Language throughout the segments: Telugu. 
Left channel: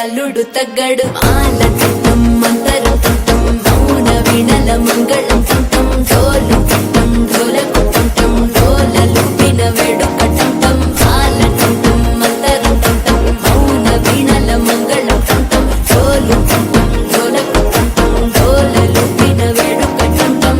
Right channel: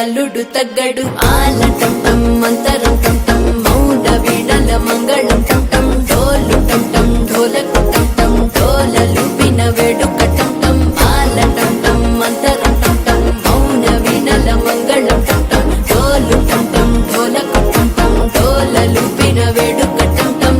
అల్లుడు తగ్గడు ఆలటం మంతరం టం మౌన వీణల మంగళం టం డోలు టం డోలకు టం డోలలు విన వేడుక టం ఆలటం మంతరం టం మౌన వీణల మంగళం టం డోలు టం డోలకు టం డోలలు విన వేడుక టం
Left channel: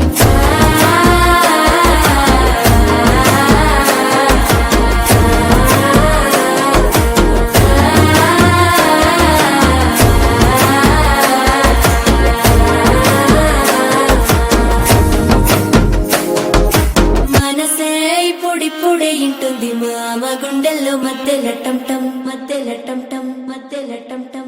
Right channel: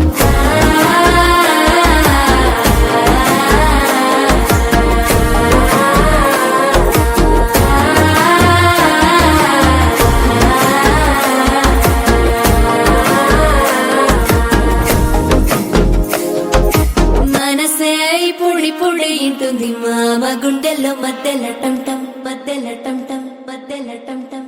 పొడి ఇంటుంది మామ గుండెల్లో మధ్యల టం టం మధ్యల టం టం మధ్యల టం టం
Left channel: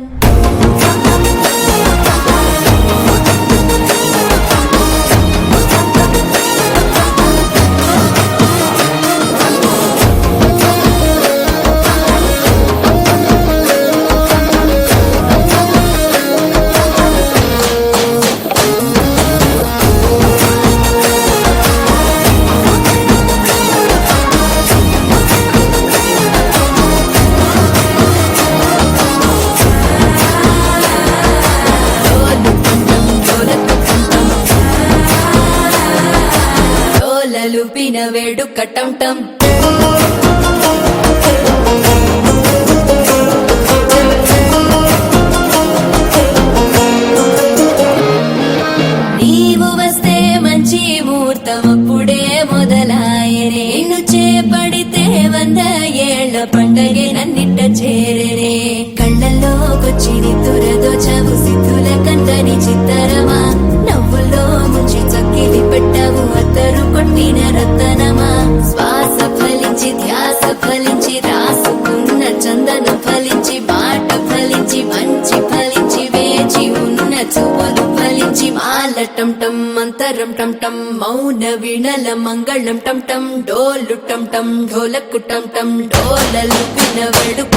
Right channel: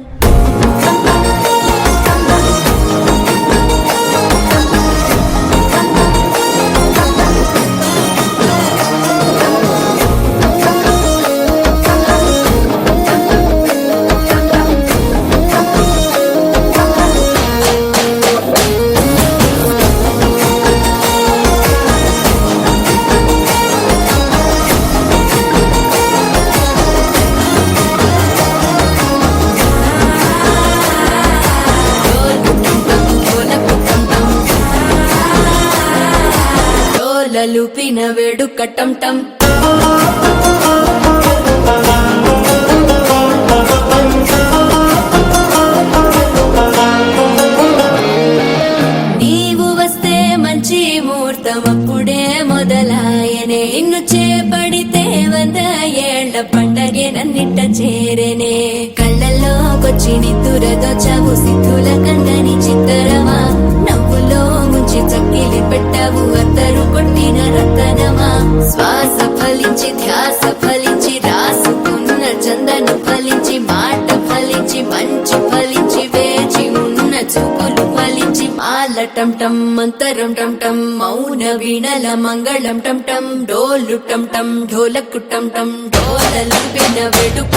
లూపిన వేడుక టం టం నీవు వస్తే మంచి ముహూర్తం అప్పుడే మొదలాయనే నిన్ను చేపడితే 100 ఏళ్ల పండగే నన్నిట్ట చేరేనే కళ్ళల్లోకొచ్చి నిద్దురదో చావు సిద్ధుల కందని చిత్తరమా నవ్వులో ముంచి చక్కిలి పెట్టావు అద్దరు కొట్టిన రతనమా శ్వాస ఫలించి ధ్యాస ఫలించి రాసుకున్న చందన ఫలించి మాట ఫలించి మంచి ఫలించి వేచి ఉన్న చూపులు ఫలించి మాల టం టం మంతరం టం టం మౌన వీణల మంగళం టం టం డోలు టం టం ఢోలకు టం టం డోలలు విన వేడుక